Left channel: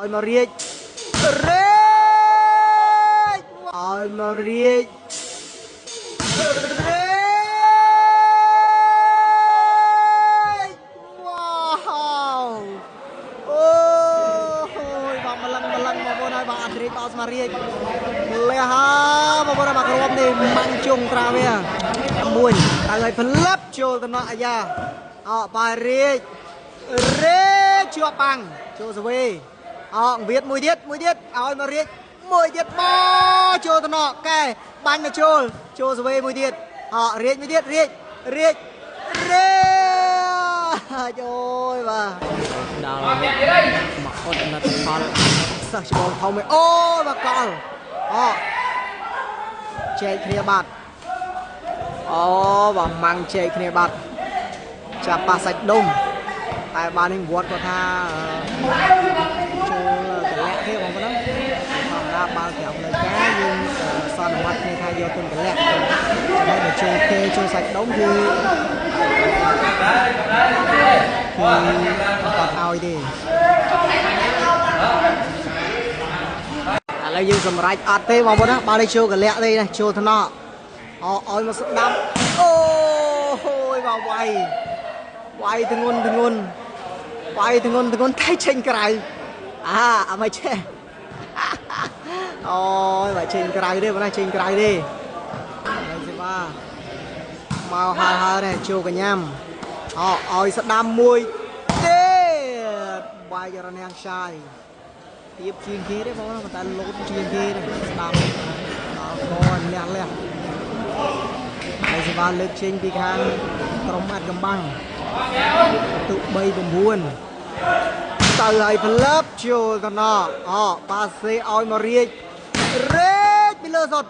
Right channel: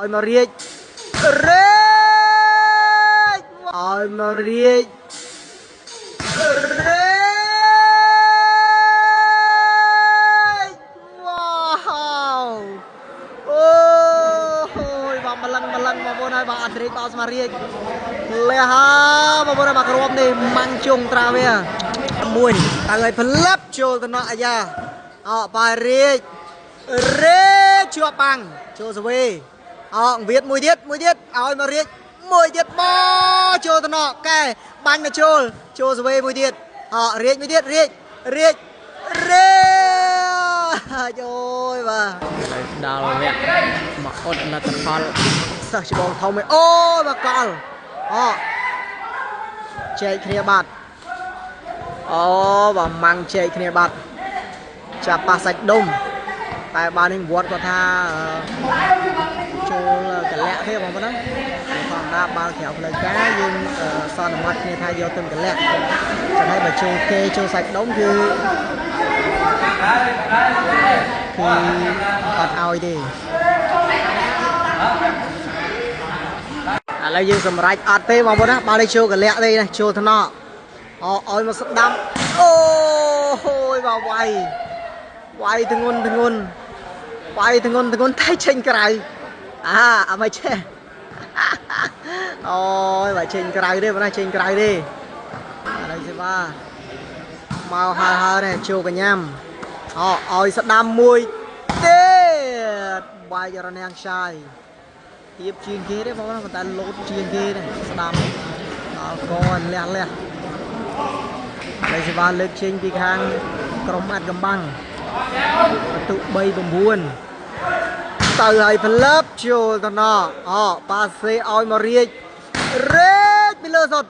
Ôi mà riết ôi mà riết wow ôi mà lần mà vô này bà ăn riết bao mà riết lẹ ha mà vô này bà rôm đi mang chung tra về mùi tại người phân lấp cho tao nói ra bà riết chưa bằng chưa rồi viết mùi tiết ôi mà riết mùi tiết bó chưa tao nọ cái bánh mà chưa rồi mùi tiết riết trời mà đào mà ôn là tập phật sao chỉ bóng thông mày ô mà con chơi kia bạt và mang chơi kia bạt chả pa sạch đông tại ba nên vuốt có tha cái lẹ thế mà nó còn ra bao kẹo lời cá nhưng son mặt này thay vô từng cái lẹ ở đây là chơi kê chơi sạch đống thì còn ao đi lấy dương cầm rạch ạt tê vào đó ba đây chơi cái lẹ đây này chơi thằng nọ ôi mà sụp đâm ôi vào quay thằng ngôn tay trên cái mày che ôi mày trên cái đi mà trên cái đi đây xem ba màu hà này chiều cả nhâm ôi sắp đam mùi tê bài giờ nó sai tiếp chuyên kế đấy bố nó người ta lốt chuyên kế này đam con lẹ đây xem ba lên trên cái hàng trong ăn cầm băng tụ bay bầm buồn từ hai phần lớp chiều tao nọ ba xe oi mà riết bị lơ sọt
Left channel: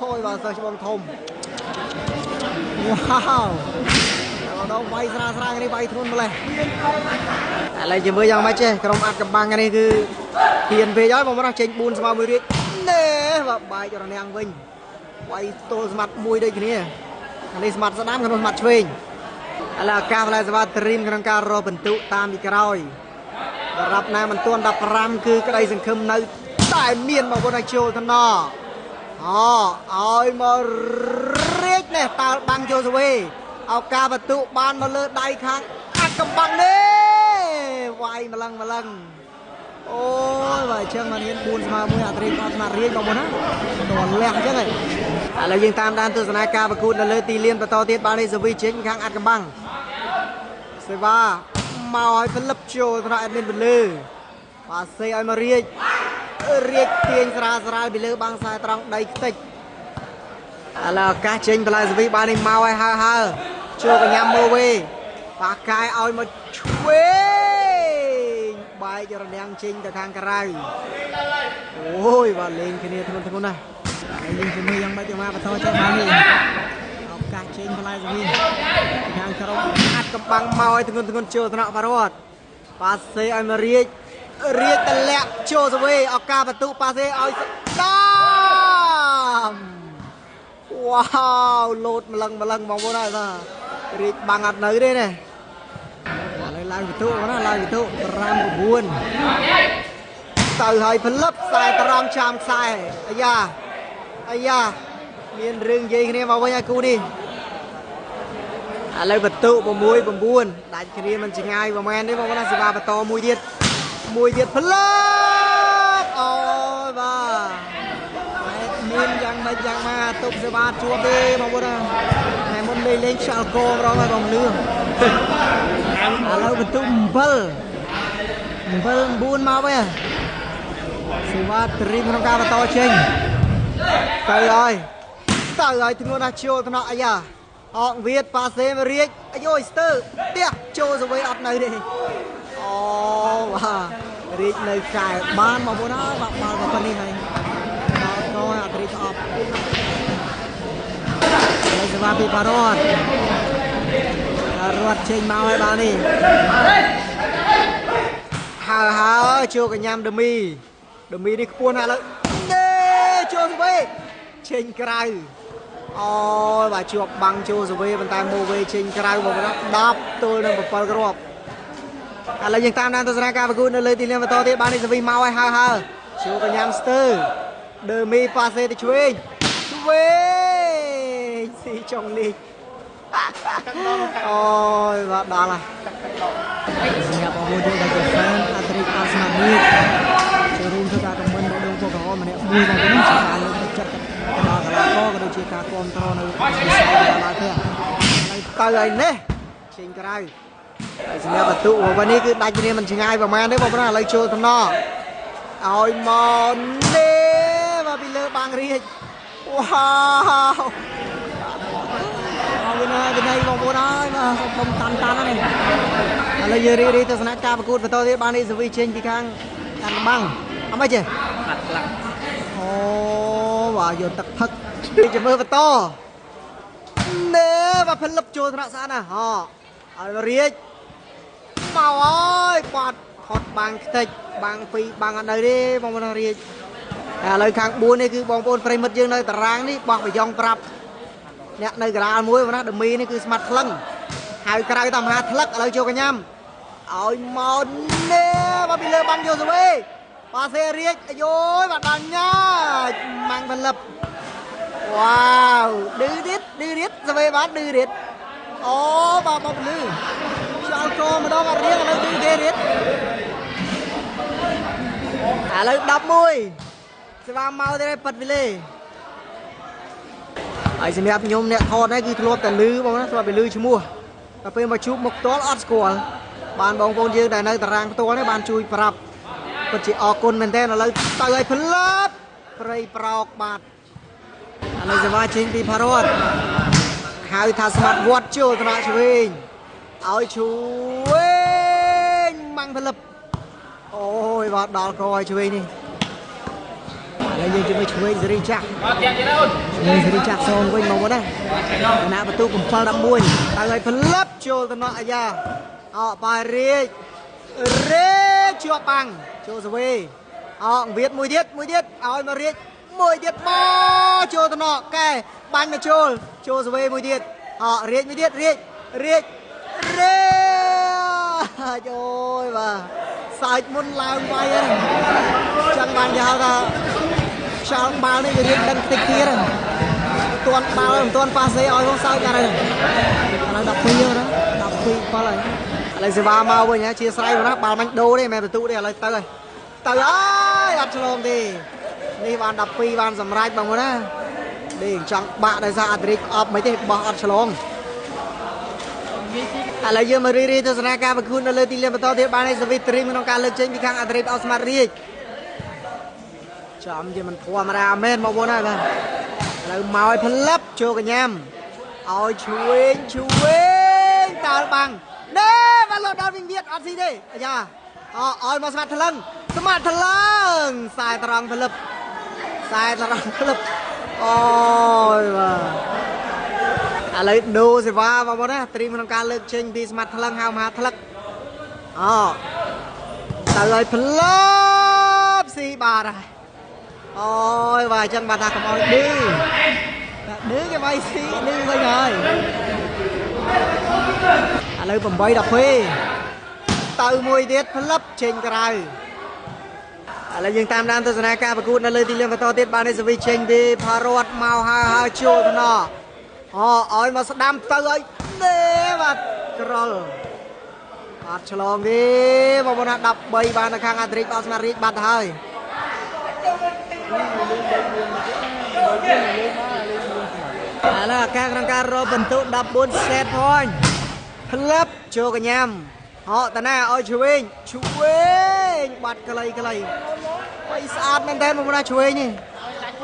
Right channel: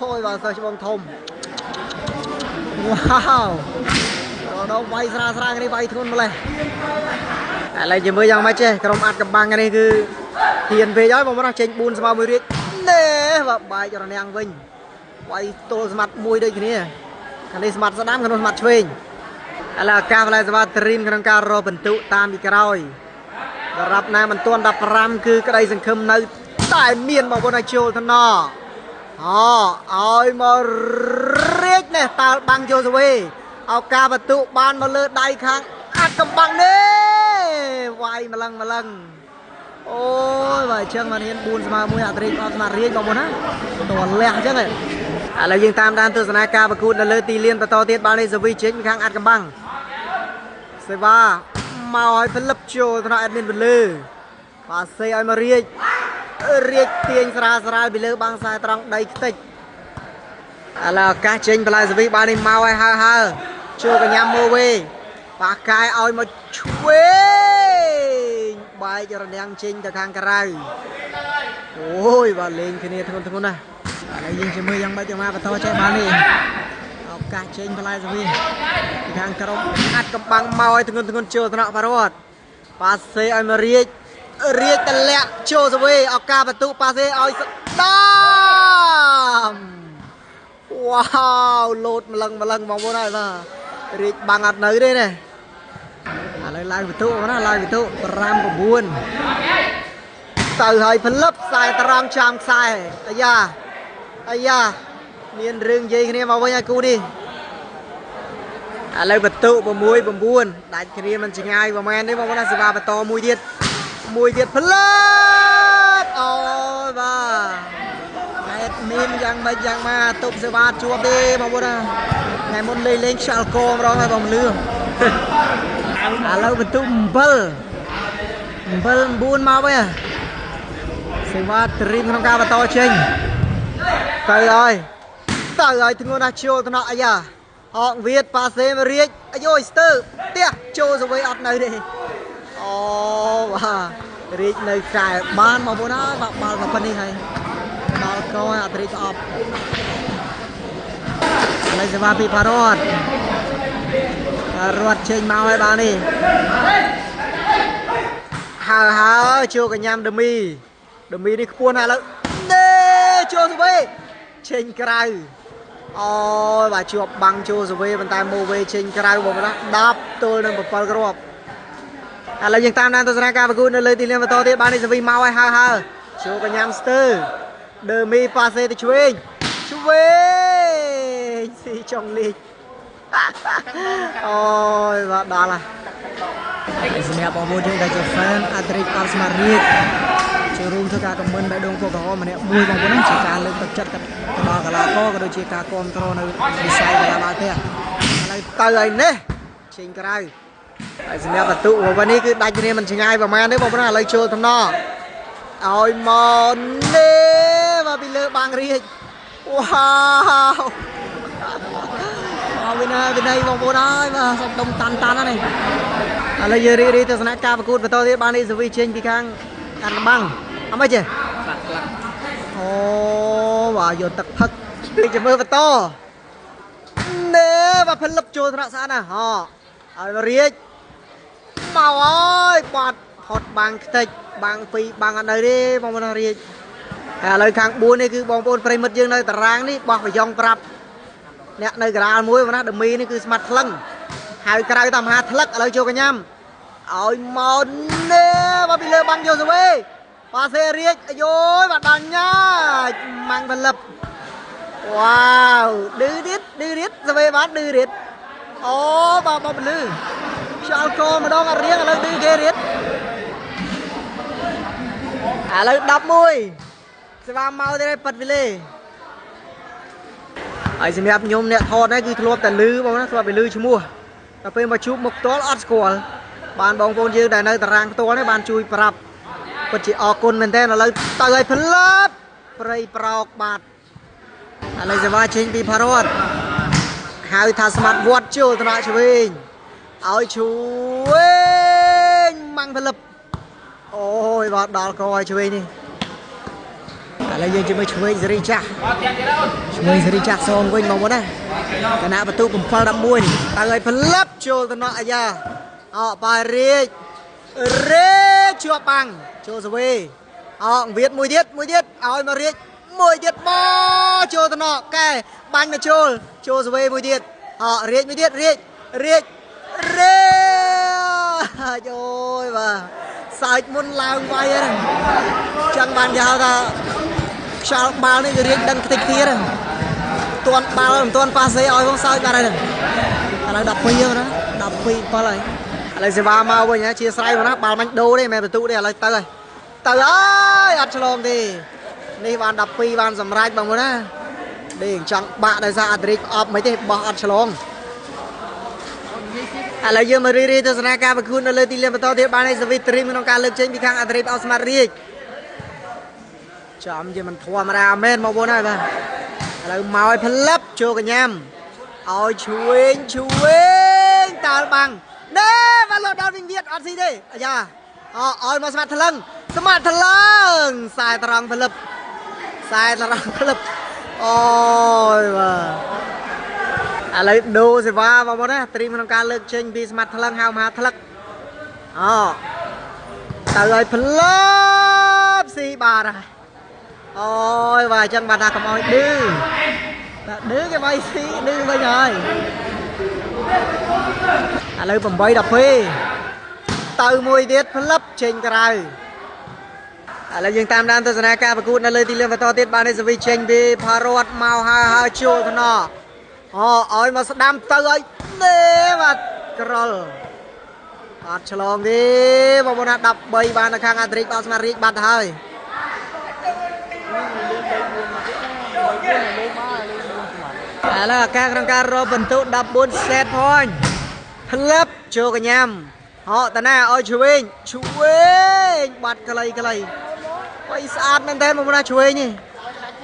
ôi vào giờ cho bông thùng wow đâu bay ra cái này bay thôn mà lại chỉ mới rằng mấy chứ trong ăn cầm băng cái này cứ tiền về đó mà nó chênh buồn sao mới riết nè và bay cho nó ăn vinh bay tô mặt mùi đây cái này cái này mặt ra đám cái mặt vinh là cà phê là trin cái cà rô bình tụ tam bị càyรับน้ำมันต้วนดับรำคือกระไดสังคมในใต้เมียนบอกว่าในโจทนอเอามาเรียกเนี่ยตาบังโจสวีเอากาประตูบานมาเลือดได้ครั้งอัดกับบังเน่ไวมาลังโอ้ยว่าเชิงมันเห็นบุญสมามุยอัตริกสมาเรียกบอกว่านะตัวแรกใช่ไหมอะไรยังตามด้านตัวสนากาประกูนั่นเลยตีเลียนประตอเทียบาลีสวีเช็คครั้งอัดกับบังเซว่ามาให้พลับโจทนายเป็นไปเลยปาเซย์มาเรียกเตียงสระไปเลยบางสายตรังได้ติดอะไรการเชิงพลายสวีบานี่มาให้ฮ่าโจกันยำโมเวปากกายเอามาช่วยใบจะระเดียงเชิงแต่ทางกระไรโอ้ยว่าเล่นแค่นี้ทั้งคนนะยิงจะมือยังไม่จะมาประตูใช่ไหมนี่การเชิงพลายสวีทางกระรอัดกับบังเมาไอ้ทุกคนโจทนะพารอดปาเซย์มาเรียกแต่แหละโจสวีเอากาประตูปาเซย์เอาตามว้าวโหลดมาลังมองว่าได้ป่ะเรียกบังอัดไหนได้เนี่ยลายประตูนะลายประตูรำกับบุญต่อยให้พลับใส่ตารางชามใส่ไอ้ยาเมียนเรื่องยี่นี่มาไว้ยังกูนี่อะไรประตูบมวยบบุญได้แค่นี้มันจะง่ายประมาณนี้บอกว่าน่าจะมาประตูมวยเดียดพลัดโอ้บ้ามีนยังมาตุกเสบาชัวเบ้บอกว่านะไงมันเลยเล่นชาลโกมร้องให้บอกเรื่องอะไรประตูเบิลบุญมาไว้เสบาตรีมทำการประตูเชิงตายถึงวันอาชิโอตนะอายาเวียดปาเซมาเรียกอโยสเตอร์เตี้ยโจสวีอัดเลยดิว่าเรียกเลยใจบ้านมาบนน้ามากับคนนี้ไงเราก็อัดเรียกออกเลยจะมาปีพารอดเชิงมาไว้บ้านนี่ฮาโจกันยำเดมีนี่ขบวนอะไรเน่โจสวีเชิงไกลbà chụp bằng chu rồi bàn tay mua về trên cái này một cái đáp tôi đang bật vào cái ឥឡូវយើងតាមដានទស្សនាការប្រកួតនៅលើទីលានបន្តទៀតបាននេះសវីមកហើយហើជួកញ្ញាំស្ទើដើមីប៉ាសេទៅឆ្វេងស៊ីចុងលីកអូយបាទដល់ហើយសម្រាប់បងប្អូនយើងដែលជា fan អាត្រិកអត់ស្មារតីចូលរួមធ្វើការខមមិនដល់ដងពូកោម្នាក់មួយបងប្អូនជាការលើកទឹកចិត្តទៅដល់កីឡាករក៏ដូចជាការគ្រប់គ្រងនៅវិស័យកីឡាឡើងទៀតឥឡូវទៅហើយនេះជិញក្រៅហើយសម្រាប់បន្ទុកวันนี้គឺដាច់គ្នាមិនឆ្ងាយប្រហែលទេបងប្អូនឥឡូវចូលតំណឲ្យមកនេះមកពីលើបាំងរាជវ៉ាវវិន័យបងប្អូនហើយបាទសុំដុំតាន់នេះឥឡូវយើងរីកទស្សនៈការប្រកួតបន្តទៀតបាននេះសវីចេញពីខាងអាត់បាំងអត់មិនទេអូបាទយកទឹកផឹកចាំមើលបន្តនេះបាទផលិតចូលថ្នាក់ស្អាតណាស់ហ៎ឲ្យរាជមកអើយបាត់ផុតបាំងខ្ទេចបាំង2បាំងអត់នៅទេបងប្អូនរាជឥឡូវខាង4នេះគឺបងប្អូនប្រិមិត្តយើងនៅតារាងនេះបោះប្រយ៉ងប្រាប់អ្នកនៅកណ្ដាលមួយណាដមីនេះគឺស្មាត់ថ្លឹងហៅក្រៅតាមហាថ្លឹកឥឡូវចូលកញ្ញាំឲ្យមកនេះមកពីលើបាំងយកទៅវិញប៉ាសេរាជអាយយបាទដល់ញ៉ាម៉ាំងផលិតវ៉ាវឌឺរៀតទៅវិញបាទឌឺរៀតអូបាទបងពលឺចោលកម្ដងអត់រៀងឥឡូវឌឺគេរៀតឥឡូវ11ស្វាមកទេប៉ាត់វិលេហើយសម្រាប់ខ្ញុំអ្នកថតនេះគឺធ្លាប់តែលឺបងណាធ្លាប់តែលឺឈ្មោះតែពេលមកជួបមុខផ្ទាល់អត់ស្គាល់បានបងប្អូនយើងដែលនៅតារាងផ្ទាល់នេះបានជួយប្រាប់ពិតជាអរគុណមែនទែនឥឡូវទៅឲ្យផលិតព្រៃប្រោកបាទឥឡូវសេវាចេញពីផារ៉ាត់ហៅថាស្មាត់វត្តចូលថ្នាក់ឆ្វេងឲ្យឆ្វេងម៉ាំងផលិតអូយបាទដល់កឲ្យឆ្វេងនេះឥឡូវយើងជាមួយឆ្វេងសេរីចាស់ឆ្វេងសេរីចាស់សងវិញមកមកណាគណៈបន្ទូ7 11ទៅឲ្យផលិតចូលថ្នាក់អាយ៉ាអោប៉ារាជជាប់បាំងចូលសវេអោវិតមួយទៀតឲ្យមករាជមួយទៀតមកចូលថ្នាក់កែបាញ់មកចូលសវេមួយទៀតអោរាជមួយទៀតរាជអូយបាទសើចមុនឡើងវាយហ្នឹងចឹងបានគេហៅថាខ្យល់បាល់នេះវារៀងដឹងតិចទៀតហ្នឹងទាន់បាល់មិនទាន់ប៉ាសេឲ្យផងសើចបាត់ហើយឥឡូវ12យើងណា12 7ហើយឥឡូវសេវាមកវិញជាស្រ័យមកណាបាល់មិនដូរទេមិនបន្ទុទេឥឡូវទៅហើយអត់ឆ្លងទេនេះបាន12បានសម្រេចបងប្អូនណាដេកចង់បាក់ដោយសារអាត្រិកអប់មិនទេបោះអត់ឆ្លងឥឡូវយើងមករីទស្សនាការប្រកួតនៅលើទីលានបន្តទៀតបានឲ្យសវីត្រីក្នុងការលើកចេញពីខាងអាត្រិកអត់ស្មាត់រាជចំជាមិនធម្មតាមែនបងប្អូនហើយបាទឥឡូវមកឲ្យផលិតចូលកញ្ញាំឲ្យឆ្វេងតាល់បាំងនេះបាល់ដល់វិញទៀតអត់ស៊ីទេអាយ៉ាឲ្យមកស្មាត់ថ្លឹងខ្សែត្រង់ផលិតអូយបាទឥឡូវដូសេវាបងប្អូនណាត្រីក្នុងការលើកចេញពីស្មាត់ថ្លឹងហៅមហាថ្លឹកទៅឲ្យផលិតស៊ីបាទហើយអូយបាទអញ្ចឹងបាទថាកុំឲ្យឌឺគេមិនស៊ីឌឺវិញហើយឥឡូវ8 12ទៅមួយទៀតផលិតចេញក្រៅឥឡូវយើងតាមដានទស្សនាការប្រកួតនៅលើទីលានបន្តទៀតបាននេះសវីចេញពីផារ៉ាត់មកហើយចូលថ្នាក់ឲ្យមកស្ដាំទៅឲ្យនេះបាទក្រលអត់ឆ្លងទេបងប្អូនណា13បាននៅខាងអាត្រិកអត់ស្មារតីបាត់ហើយឥឡូវការក្នុងការរកបន្ទុ14 set point ផលិតចូលកញ្ញាំតាណាឲ្យឆ្វេងបាត់ខ្លីវាយស្អាតមែនតើបងប្អូនណាឆ្វេងនេះ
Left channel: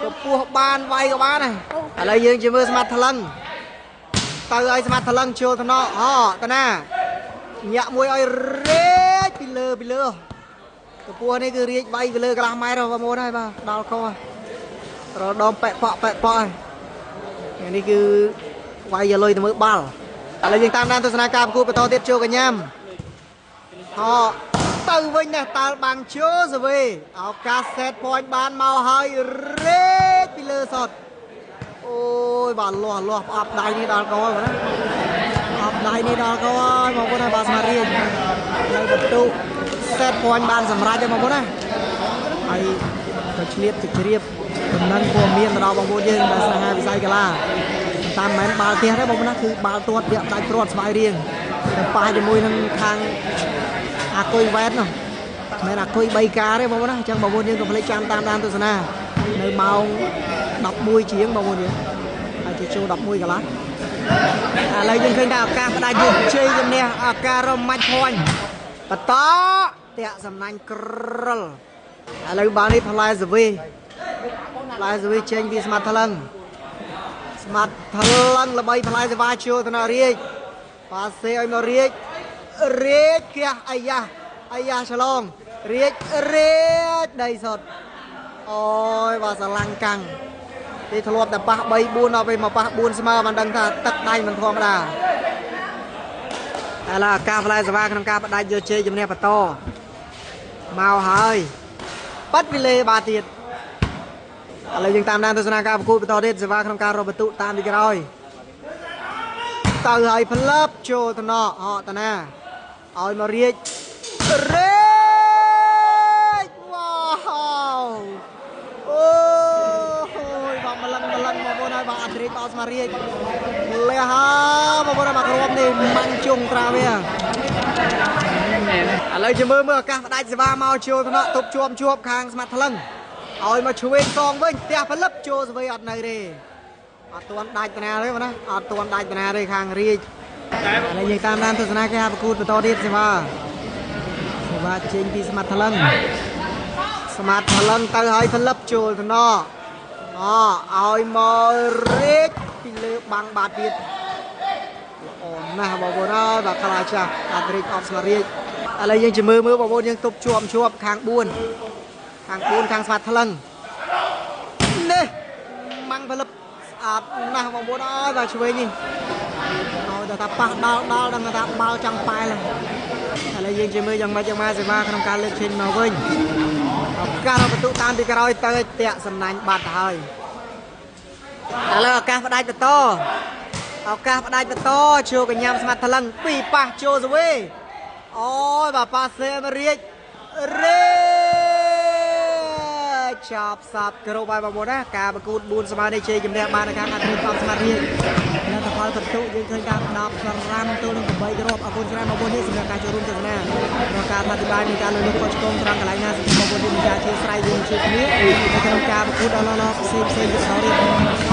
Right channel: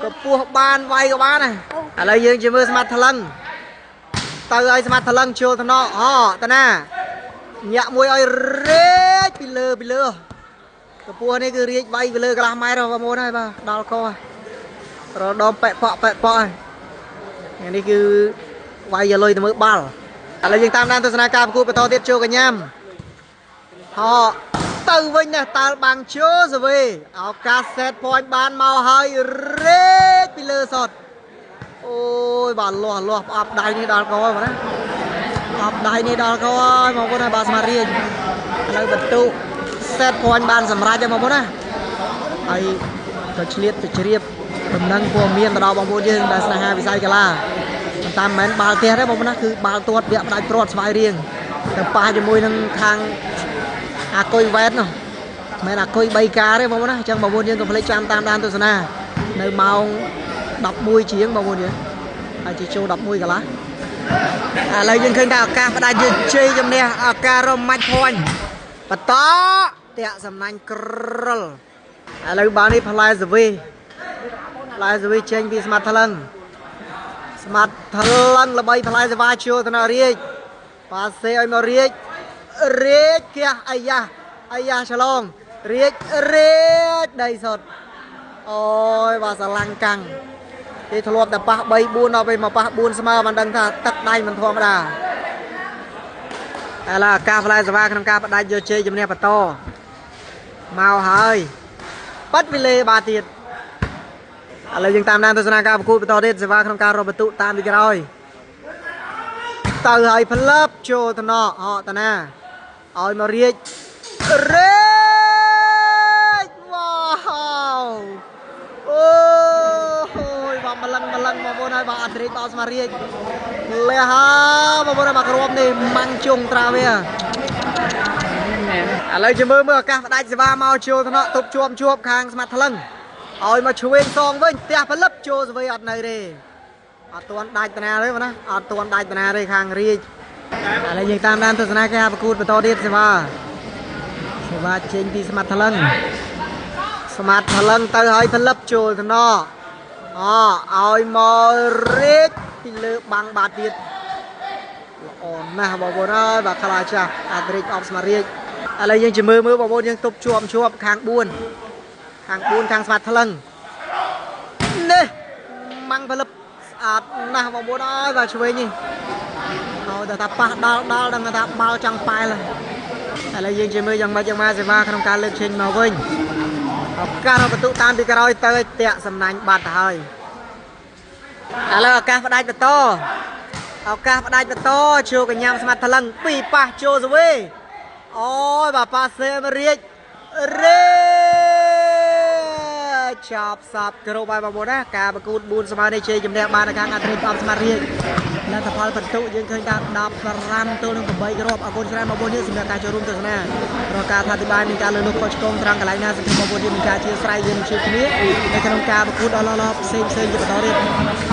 ក៏ពោះបានវាយក៏បានដែរឥឡូវយើងជិះមើលស្មាត់ថ្លឹងទៅឲ្យស្មាត់ថ្លឹងចូលថ្នាក់តាណាញាក់មួយឲ្យរាជពីលើកពស់នេះគឺរាជវាយពីលើកន្លះម៉ែត្របងប្អូនហើយបាទដល់ករដមប៉ែកប៉ហើយនេះគឺវាយយកលុយទៅមើលបាល់ឥឡូវយើងតាមដានទស្សនាការប្រកួតបន្តទៀតចូលកញ្ញាំទៅវិញណាតាល់បាំងជើសវេឱកាស set point បានមកហើយរេកពីលើសតអូយបាទលាស់ផ្អាប់ដៃនេះដល់កោបងណាផ្អាប់ដៃនេះដល់កោហើយបងប្អូនហើយបាទស្មារតី លើបន្ទុកសេតភ័ណ្ឌបានសម្រាប់ទេបងប្អូនណាហើយក៏ឆ្លៀតទៅជ្រាបដំណឹងព័ត៌មានទៅដល់បងប្អូនយើងដែលស្នេហាវិស័យកីឡាតាមមិនមែនបាល់ទះទេបងប្អូនណាគឺបាល់ទាត់វាក់ផ្ដាច់ព្រាត់ស្វាយរៀងទៅប៉ះជាមួយនឹងខាងអាគុយវ៉ែតនោះមិនអាគុយ3ការទេបងប្អូនណាអញ្ចឹងបងប្អូនយើងកុំភ្លេចចាំតាមដានទស្សនានៅម៉ោង11ជាងបងប្អូនយើងហើយជាចូល11កន្លះឥឡូវយើងឃើញថាឱកាសផ្ដាច់យើងជ័យជំនះឱកាសរមាច់ភ័ណ្ឌបន្តតាក់សំណាញ់ក្រលឥឡូវបាននេះផ្លែសវីចេញពីស្មាត់ថ្លឹងល្បីផ្លែសវ៉ាជួទៅនៅរាជប៉ាសេឲ្យមករាជគះអាយ៉ាឆ្លងរាជដីសុតអូយបាទស្រឡាំងកាំងគេធ្លាប់តែប៉ះ3 4ដល់ពេលមកប៉ះ4ស្មើមិនដឹងថាទឹកដៃមិនធម្មតាឥឡូវឱកាសផ្លែសវ៉ាក្នុងការបដាច់យកជ័យជំនះបន្តមកហើយប៉ាត់វិលេបាទទៀតឥឡូវយើងតាមដានទស្សនាការប្រកួតបន្តទៀតសេវាក្នុងការរកបន្ទុកតាមពីក្រោយទៅឲ្យផ្លឹបចូលទៅណកហកតាណាឲ្យមករាជវ៉ាវអូយបាទម្លឹងបងប្អូនហើយបាទអត់រាជបោស្មារាជលះហើបងប្អូនបាទក្រុមនេះម៉ាំងជុងត្រាវាឥឡូវយើងមើលឱកាសផ្ដាច់សេវាមកចូលទៅណកទប់ជាប់ខាងស្មាត់ថ្លឹងឲ្យមកឆ្វេងសងវិញផ្ទះផលិតចូលស្វីអត់នៅទេអត់ទាន់ដាច់តាណាទេណាអត់ទាន់ដាច់តាណាទេខាងរាជឥឡូវយើងតាមដានទស្សនាការប្រកួតបន្តទៀតសេវាចេញពីស្មាត់ថ្លឹងទៅឲ្យផលិតចូលទៅណឲ្យមករាជពីលើបាំងបាត់ទៀតល្អណាស់បងប្អូនអើយបាទខ្លាចាស់អត់រាជអបស្មារាជឥឡូវយើងជិះមើលបងប្អូនយើងទប់ជាប់ខាង4ខាងស្មាត់ថ្លឹងនេះម៉ាំងផលិតស្អាតណាស់បងប្អូនអើយបាទឆ្វេងនេះឲ្យតែប៉ះដល់ដឹងថាបាល់ចង់ប៉ែលឥឡូវយើងជិះមើលយ៉ាងម៉េចសេវាក្នុងការលើកឈេញមកវិញឱកាសរកបន្ទុកតាមពីក្រោយទៅតាក់សំណាញ់បាត់ទៅហើយឥឡូវឱកាសផ្ដាច់បន្តចូលកញ្ញាំស្មាត់ថ្លឹងពីប៉ះចូលសវេអូយបាទប៉ាសេមរាជចាប់សាប់គ្រប់ហើយបងប្អូនណាការប្រកួត4ស្មើនៃជ័យជំនះបានខាងអាត្រិតអបស្មារតីលទ្ធផលបន្ទុកយើងឃើញថា15ទល់នឹង8គ្រាប់អរគុណច្រើនបងប្អូនសម្រាប់ការចូលរួមទស្សនារកការអធិប្បាយនៃការលើកលោកខុសឆ្គងត្រង់កន្លែងណាសម្រាប់បងប្អូនមានការchia sẻយើងជួយគ្នានៅក្នុងការប្រកួតដល់ផ្សេងទៅបន្តទៀត